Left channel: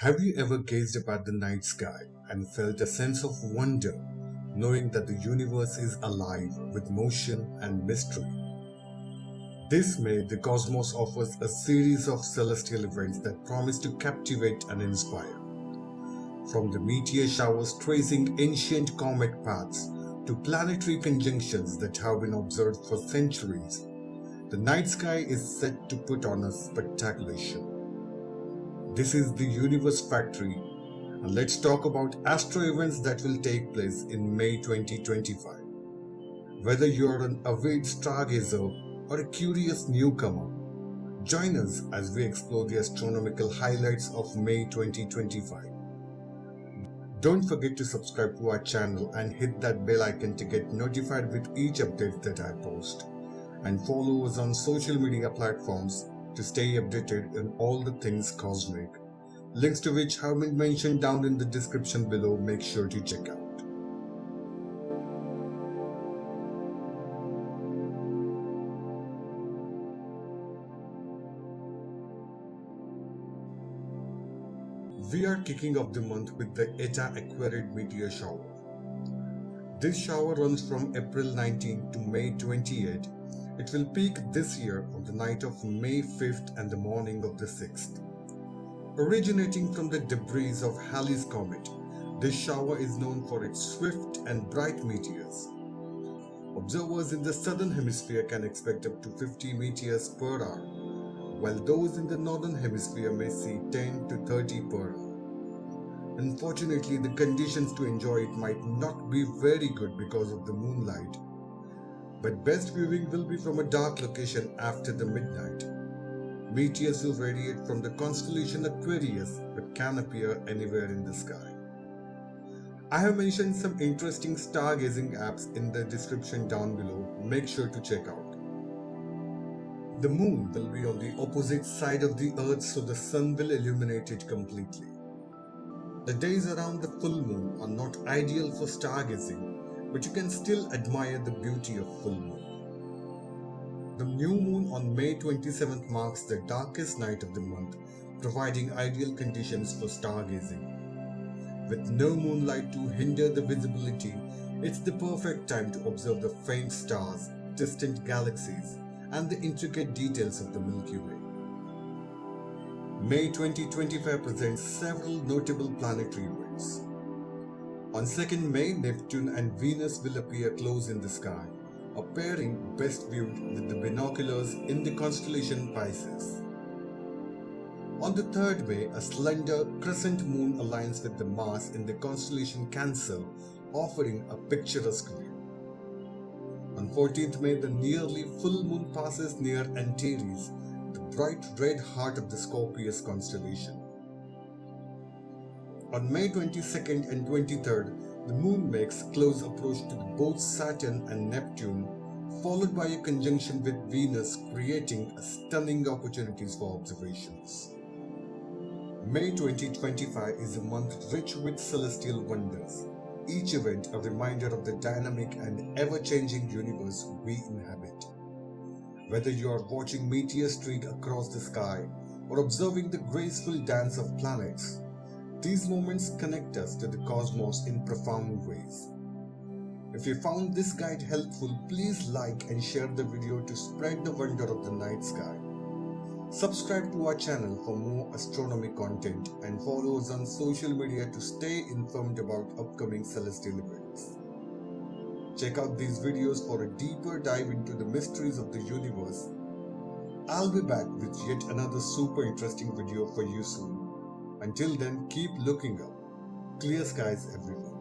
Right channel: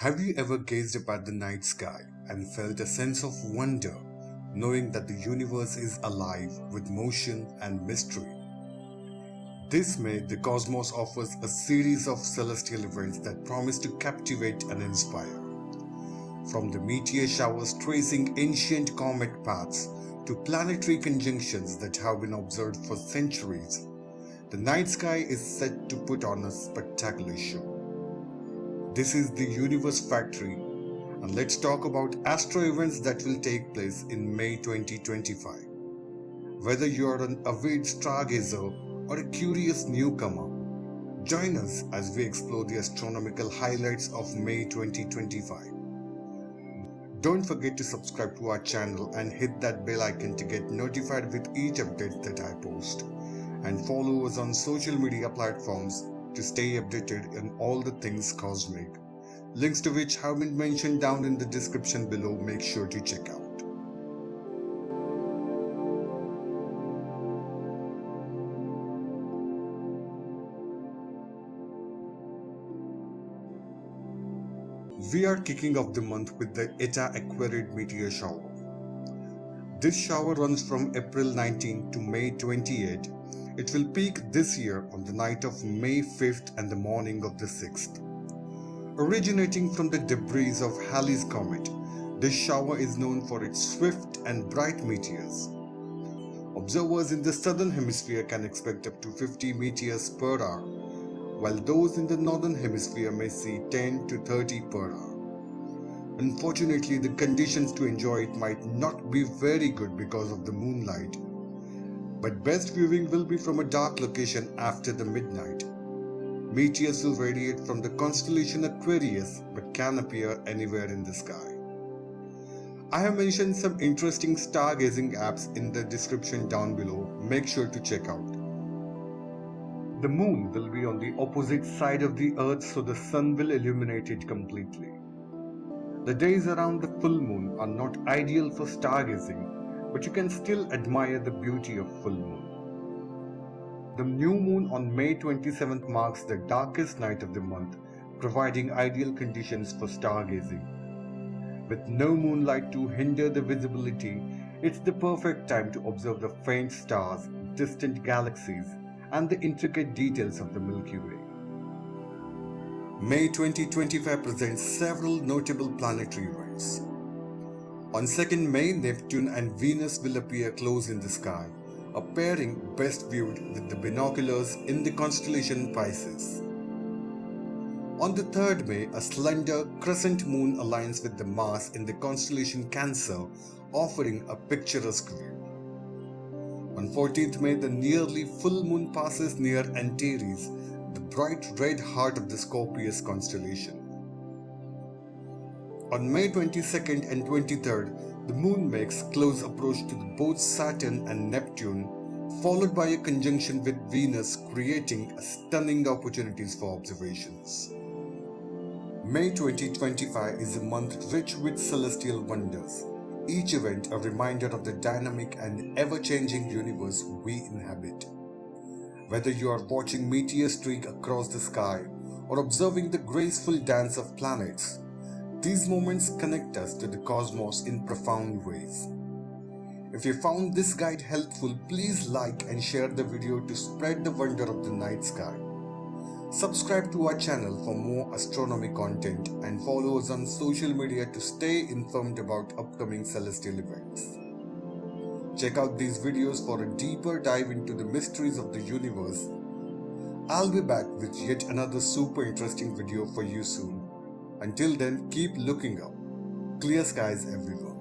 Have you ever gazed up at the night sky and felt a sense of wonder, knowing that the universe is alive with motion and mystery? This May, the cosmos offers a series of celestial events that promise to captivate and inspire. From the meteor showers tracing ancient comet paths to planetary conjunctions that have been observed for centuries, the night sky is set to put on a spectacular show. This is the Universe Factory, and let's talk about astro events that will take place in May 2025. Whether you're an avid stargazer or a curious newcomer, join us as we explore the astronomical highlights of May 2025. Don't forget to subscribe to our channel and hit that bell icon to get notified with each update that I post. And follow us on social media platforms to stay updated on all the things cosmic. Links to which have been mentioned down in the description below. Make sure to check out. We are kicking off the month with the Eta Aquariid meteor shower. This shower runs from April 19 to May 28. It will peak this year on the night of May 5th and the morning of the 6th. Originating from the debris of Halley's Comet, this shower is known for its swift and bright meteors. Observers in the southern hemisphere can expect up to 50 meteors per hour, while those in the northern hemisphere may see 10 to 30 per hour. Unfortunately, the conditions to enjoy it might not be very good because of the moonlight, but best viewing will be from a dark location after the midnight. Meteors will radiate from the constellation Aquarius but can appear anywhere in the sky. I have mentioned some interesting stargazing apps in the description down below. Make sure to check out. The moon will be on the opposite side of the earth, so the sun will illuminate it completely. The days around the full moon are not ideal for stargazing, but you can still admire the beauty of full moon. The new moon on May 27th marks the darkest night of the month, providing ideal conditions for stargazing. With no moonlight to hinder the visibility, it's the perfect time to observe the faint stars, distant galaxies, and the intricate details of the Milky Way. May 2025 presents several notable planetary events. On 2nd May, Neptune and Venus will appear close in the sky, a pairing best viewed with the binoculars in the constellation Pisces. On the 3rd May, a slender crescent moon aligns with the Mars in the constellation Cancer, offering a picturesque view. On 14th May, the nearly full moon passes near Antares, the bright red heart of the Scorpius constellation. On May 22nd and 23rd, the moon makes close approach to both Saturn and Neptune, followed by a conjunction with Venus, creating stunning opportunities for observations. May 2025 is a month rich with celestial wonders, each event a reminder of the dynamic and ever-changing universe we inhabit. Whether you are watching meteors streak across the sky or observing the graceful dance of planets, these moments connect us to the cosmos in profound ways. If you found this guide helpful, please like and share the video to spread the wonder of the night sky. Subscribe to our channel for more astronomy content and follow us on social media to stay informed about upcoming celestial events. Check out these videos for a deeper dive into the mysteries of the universe. I'll be back with yet another super interesting video for you soon. Until then, keep looking up. Clear skies everywhere.